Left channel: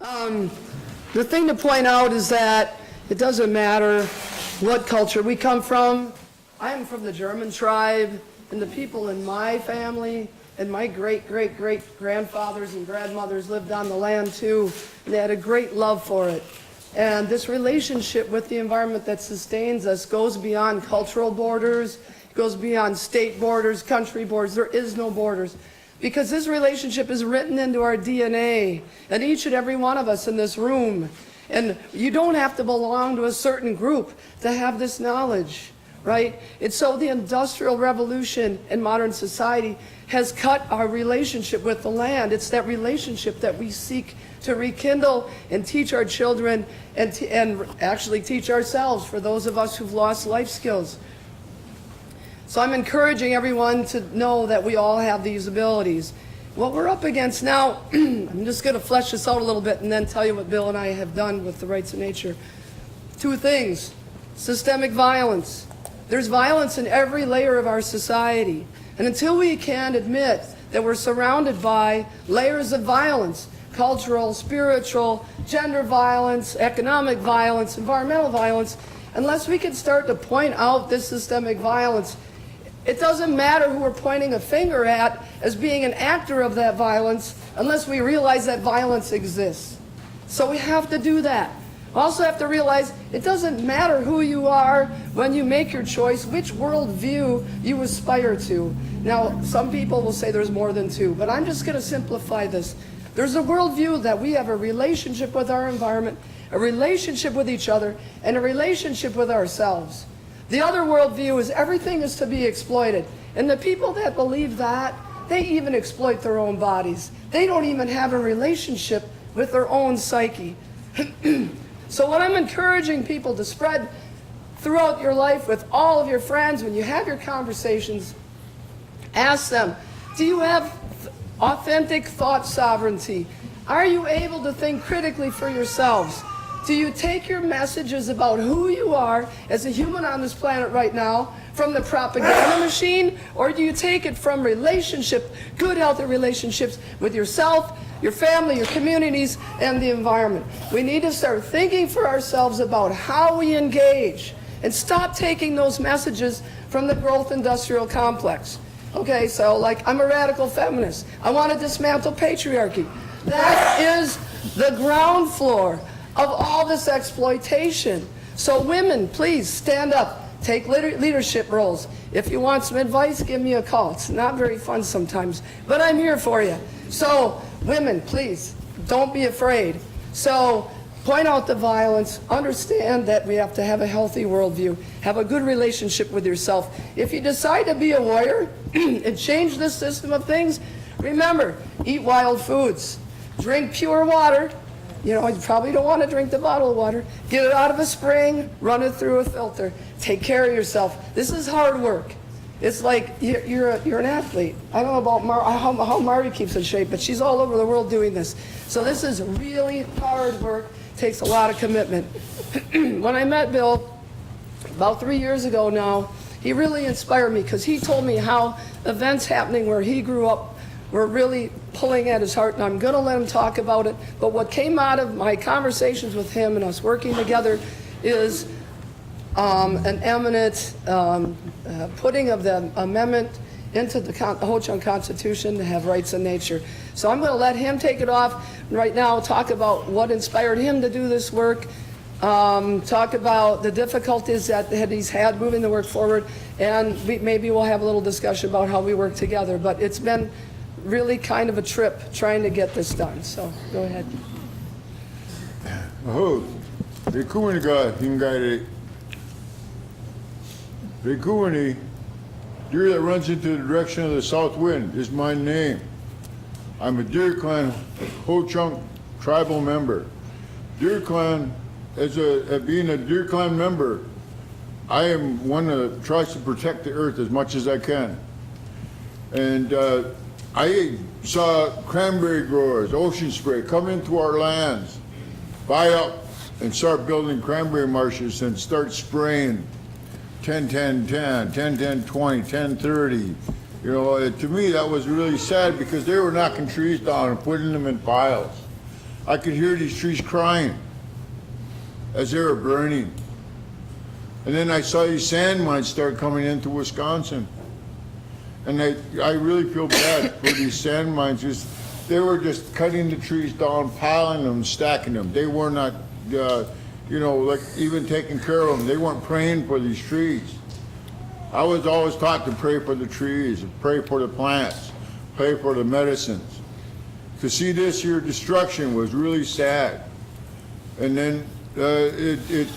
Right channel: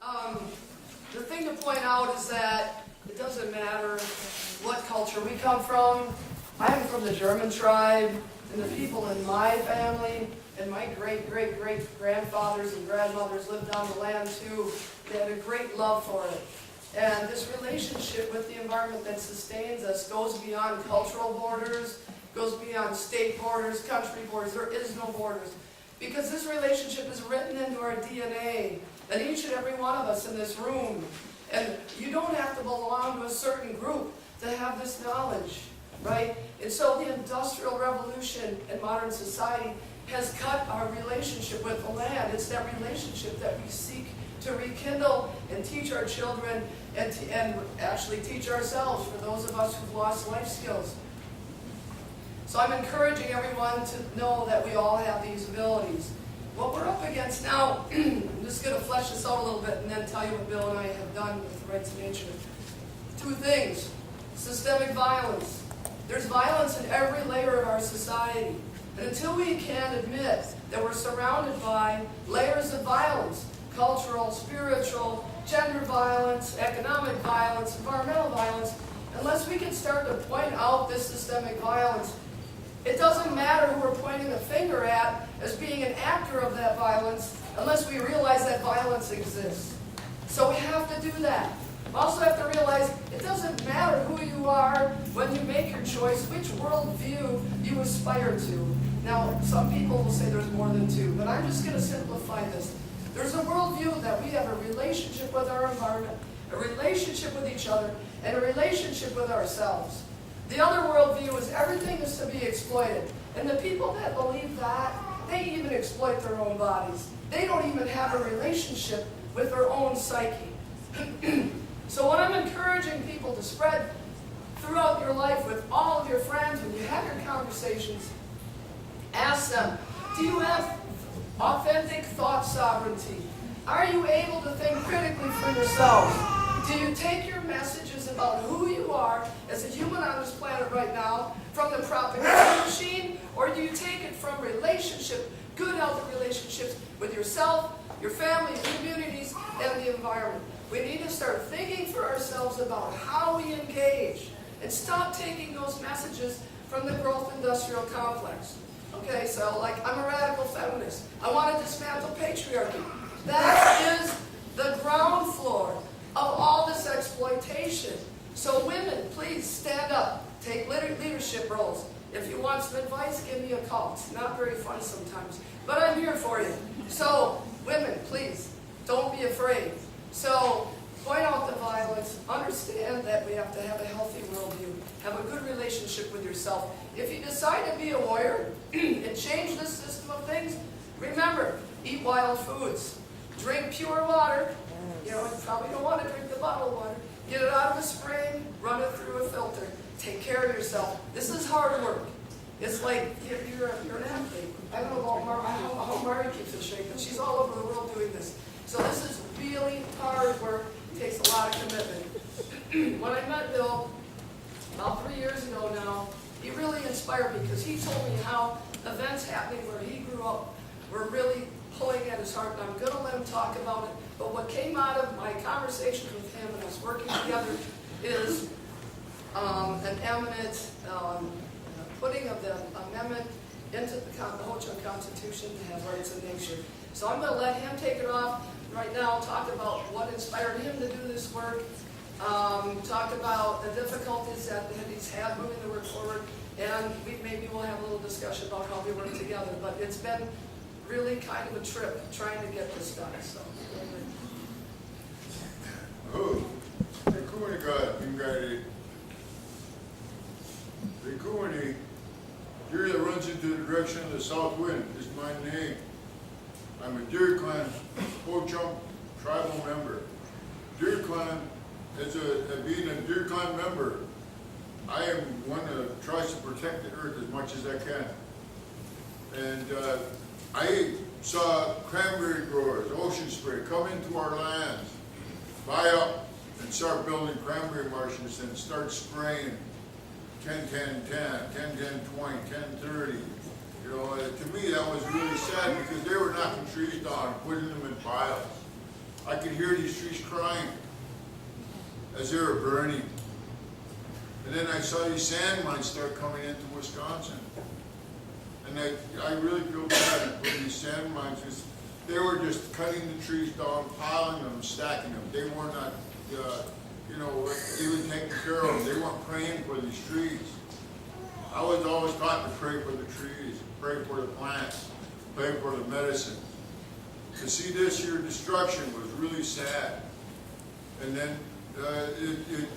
The thing to point out is that it doesn't matter what culture we come from. I'm from the German tribe, and the people in my family and my great-great-great-grandfathers and grandmothers lived on the land too. They had a great love for it. And this relationship with the environment that sustains us goes beyond cultural borders, goes beyond state borders, country borders. There is no borders. Because this relationship is written into our DNA, and each and every one of us in this room. And you don't have to belong to a certain group to have this knowledge, right? And so the Industrial Revolution in modern society has cut our relationship with the land. It's that relationship that we seek to rekindle and teach our children and actually teach ourselves for those of us who've lost life skills. So I'm encouraging everyone to know that we all have these abilities. What we're up against now, I'm just going to flesh this out a little bit and then tell you what Bill and I have done with the rights of nature. Two things: systemic violence. There's violence in every layer of our society. And until we can admit that we're surrounded by layers of violence, cultural, spiritual, gender violence, economic violence, environmental violence, unless we can start to point out this systemic violence, it doesn't matter who we're pointing a finger at as being an actor of that violence unless we realize that violence exists. So we have to do that. We also have to realize it doesn't matter who you are when you make your choice, which worldview you aspire to. Now, some people will say there's more than two, but I'm just going to simplify this. There's a worldview that we have a relationship with our environment, a relationship with each other, and a relationship with ourselves. The other worldview is everything is to be exploited. And the people that believe that, they even exploit their own bodies. They don't even have a relationship with their own psyche. So what I'm encouraging people to spread throughout your life with all of your friends, when you have your conversations, ask them, do you have authentic thought sovereignty? Are you able to think critically for yourselves? Do you take your messages about who you are as a human on this planet right now from the propaganda machine, or do you take it from relationship, good healthy relationships with yourself, your family, your communities, and the environment? We need to start thinking for ourselves about how we engage and stop taking those messages from the growth industrial complex. Okay, so like, I'm a radical feminist. I want to dismantle patriarchy. That is the ground floor of all this exploitation. So women, please stand up, take leadership roles. If you want some advice, give me a call. It's not very fun sometimes, but I'm here for you. So women, please, don't be afraid. So point out the violence, understand that we have to have a healthy worldview, have a good relationship with yourself. If you decide to be a warrior and change this system of things, remember, eat wild foods, drink pure water. You know, you probably don't want to drink the bottled water. Get it out of a spring, run it through a filter. Take care of yourself. This is hard work. It's like you're an athlete. I don't know about how Mari keeps in shape, but she's all over the world doing this. So this is really hard work. Takes a lot of commitment. When I met Bill about 3 years ago now, he really inspired me because he told me how events happening where he grew up were really pulling at his heart, and I'm going to let him talk about it. But what came out of my conversations with him and us working together is an eminent putting of the amendment into the Ho-Chunk Constitution to have rights in nature. So I'm going to let him take it off right now, talk about what inspired him to do this work, talk about the difficulties that he's had moving the work forward, and maybe we'll have a little discussion about how we work together. But it's been really kind of a trip trying to get this done. So go ahead. Oh, Rikuniga Hingari. Rikuni, deer that runs into the direction of the south wind is my name. I'm a Deer Clan Ho-Chunk tribal member. Deer Clan, being a Deer Clan member, I am one that tries to protect the earth as much as I can. And I saw cranberry growers, ocean spray, come into our lands, buy up and start building cranberry marshes and start spraying 10-10-10, 10-10-20, 10-30. You know, to me that was really sad because they were knocking trees down and putting them in piles. I could hear these trees crying as they were burning. And then I saw these sand mines start coming into Wisconsin. And I really feel bad for these sand mines, because they were just cutting the trees down, piling them, stacking them. They were not, like even taking care of them. They weren't praying for these trees. I was always taught to pray for the trees, and pray for the plants, pray for the medicines. To see this here destruction was really sad. And then it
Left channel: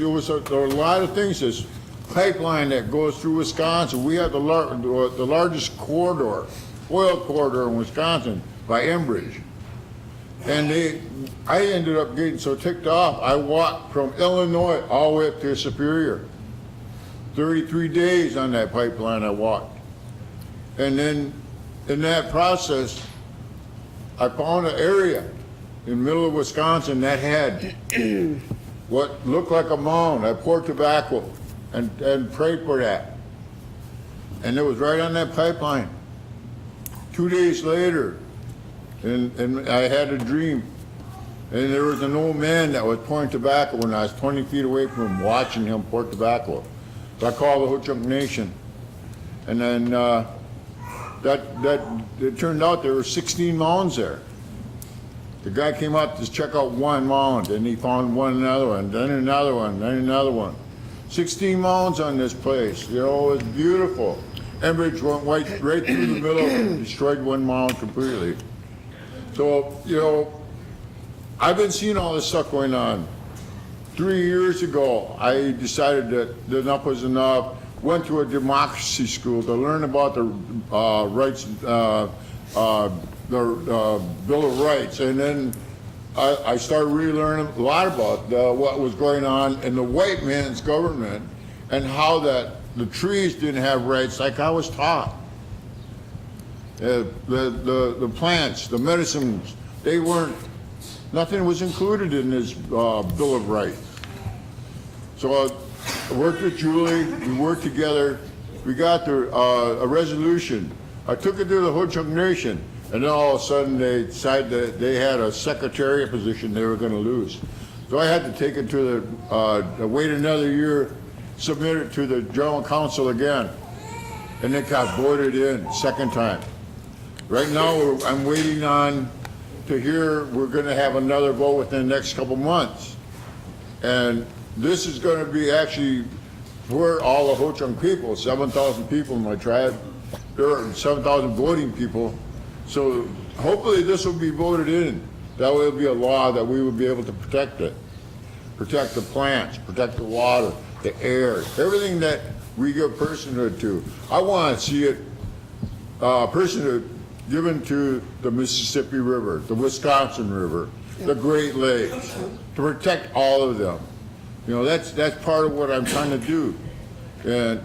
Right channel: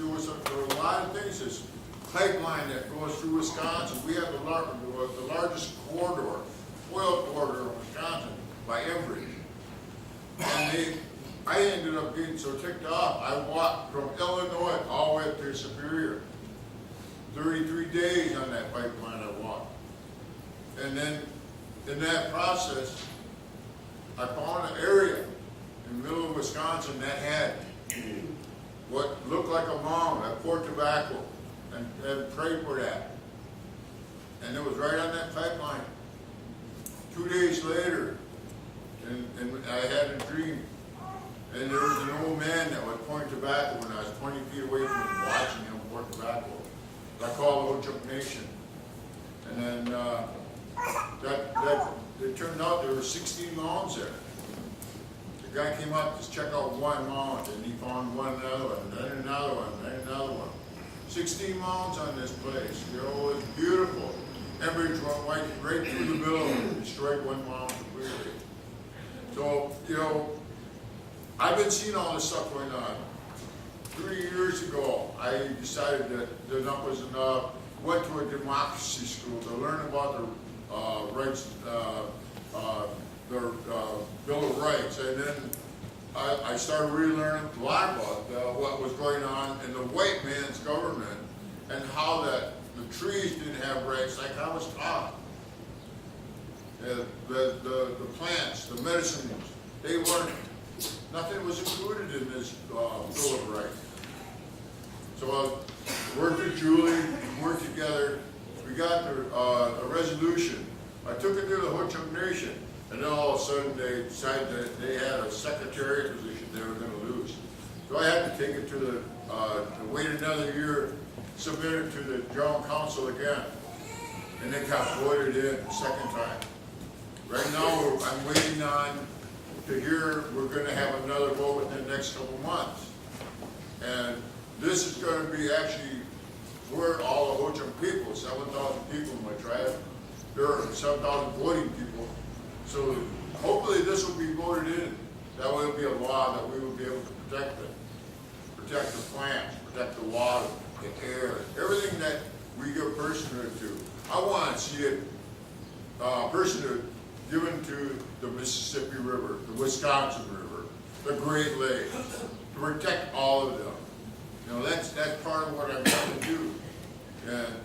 was a lot of things. This pipeline that goes through Wisconsin. We have the largest corridor, oil corridor in Wisconsin by Enbridge. And I ended up getting so ticked off, I walked from Illinois all the way up to Superior. 33 days on that pipeline I walked. And then in that process, I found an area in the middle of Wisconsin that had what looked like a mound. I poured tobacco and prayed for that. And it was right on that pipeline. 2 days later, and I had a dream. And there was an old man that was pouring tobacco, and I was 20 feet away from him watching him pour tobacco. So I called the Ho-Chunk Nation. And then it turned out there were 16 mounds there. The guy came up to check out one mound, and he found another one, then another one, then another one. 16 mounds on this place. It was beautiful. Enbridge went right through the middle and destroyed one mound completely. So, I've been seeing all this stuff going on. 3 years ago, I decided that enough was enough. Went to a democracy school to learn about the rights, the Bill of Rights, and then I started really learning a lot about what was going on in the white man's government, and how that the trees didn't have rights like I was taught. The plants, the medicines, they weren't. Nothing was included in this Bill of Rights. So I worked with Julie, we worked together, we got a resolution. I took it to the Ho-Chunk Nation, and then all of a sudden they decided that they had a secretariat position they were gonna lose. So I had to take it to wait another year, submit it to the General Council again, and it got voted in second time. Right now, I'm waiting on to hear we're gonna have another vote within the next couple months. And this is gonna be actually for all the Ho-Chunk people, 7,000 people in my tribe. There are 7,000 voting people. So hopefully this will be voted in. That way it'll be a law that we will be able to protect it. Protect the plants, protect the water, the air, everything that we give personhood to. I wanna see it, personhood given to the Mississippi River, the Wisconsin River, the Great Lakes, to protect all of them. That's part of what I'm trying to do. And,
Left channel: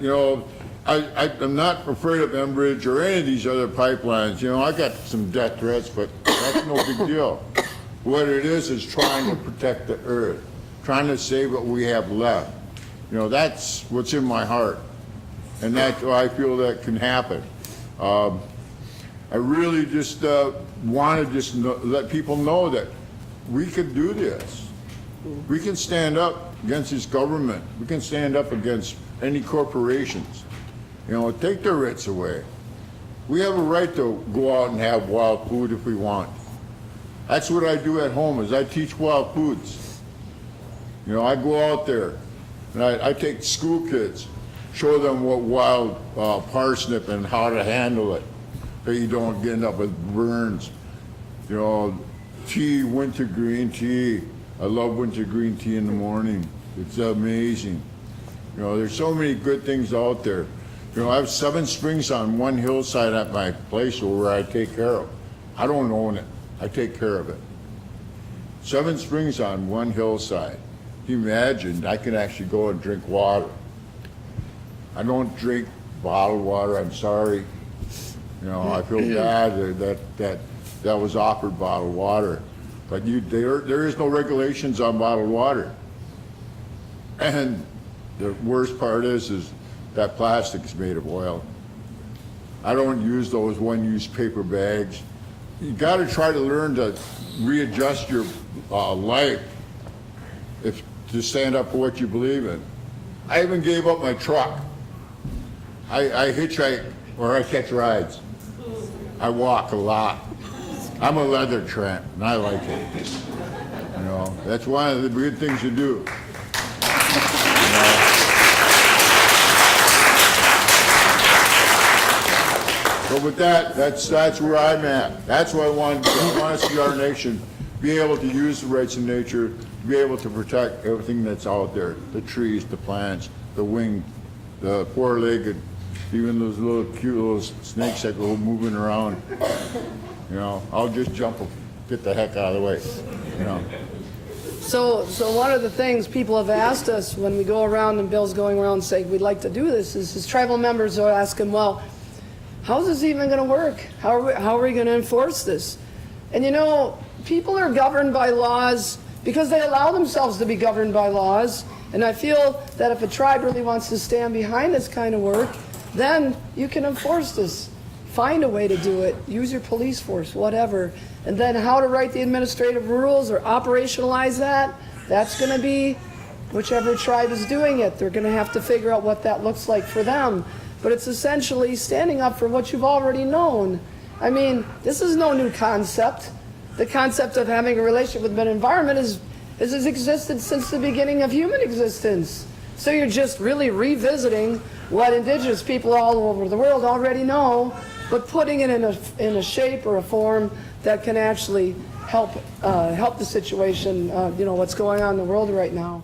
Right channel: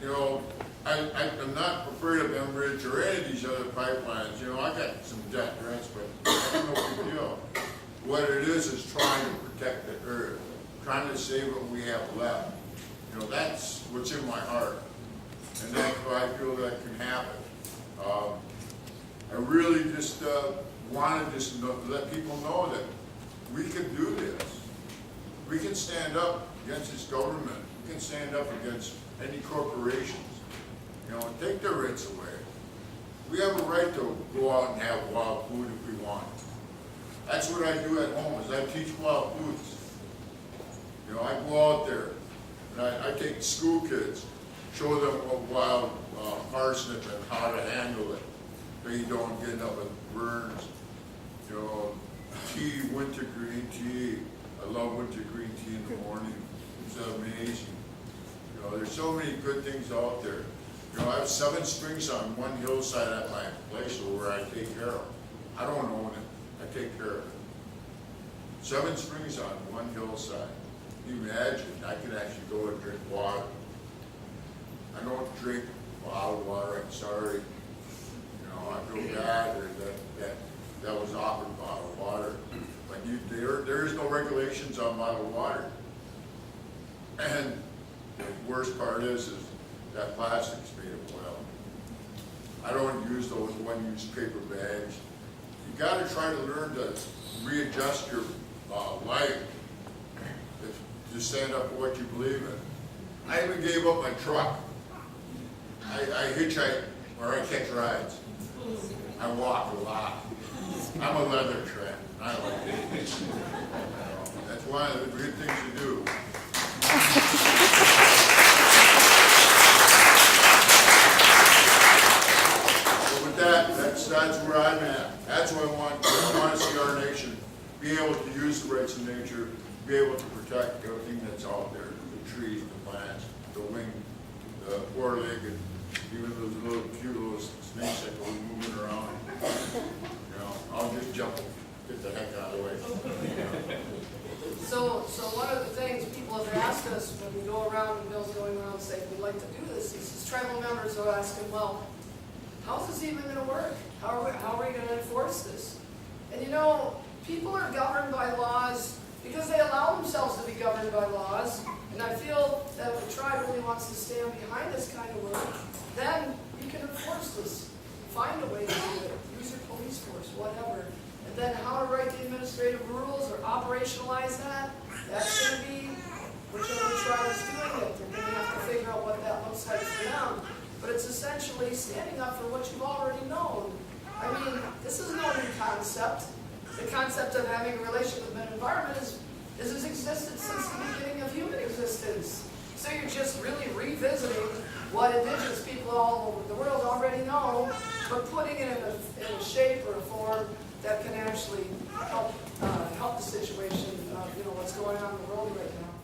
I'm not afraid of Enbridge or any of these other pipelines. I got some death threats, but that's no big deal. What it is trying to protect the earth, trying to save what we have left. That's what's in my heart. And that's why I feel that can happen. I really just want to let people know that we can do this. We can stand up against this government. We can stand up against any corporations. Take their rights away. We have a right to go out and have wild food if we want. That's what I do at home, is I teach wild foods. I go out there and I take school kids, show them what wild parsnip and how to handle it. So you don't end up with burns. Tea, wintergreen tea. I love wintergreen tea in the morning. It's amazing. There's so many good things out there. I have 7 springs on one hillside at my place where I take care of. I don't own it. I take care of it. 7 springs on one hillside. Imagine I can actually go and drink water. I don't drink bottled water. I'm sorry. I feel bad that was offered bottled water. But there is no regulations on bottled water. And the worst part is that plastic's made of oil. I don't use those one-use paper bags. you gotta try to learn to readjust your life if to stand up for what you believe in. I even gave up my truck. I hitchhike or I catch rides. I walk a lot. I'm a leather tramp, and I like it. You know, that's one of the good things to do. So with that, that's where I'm at. That's what I want to see our nation be able to use the rights of nature, be able to protect everything that's out there, the trees, the plants, the winged, the four-legged, even those little cute little snakes that go moving around. You know, I'll just jump and get the heck out of the way, you know. So one of the things people have asked us when we go around and Bill's going around and saying we'd like to do this is his tribal members are asking, well, how's this even going to work? How are we going to enforce this? And you know, people are governed by laws because they allow themselves to be governed by laws. And I feel that if a tribe really wants to stand behind this kind of work, then you can enforce this. Find a way to do it. Use your police force, whatever. And then how to write the administrative rules or operationalize that, that's going to be whichever tribe is doing it. They're going to have to figure out what that looks like for them. But it's essentially standing up for what you've already known. I mean, this is no new concept. The concept of having a relationship with an environment has existed since the beginning of human existence. So you're just really revisiting what indigenous people all over the world already know, but putting it in a shape or a form that can actually help the situation, you know, what's going on in the world right now.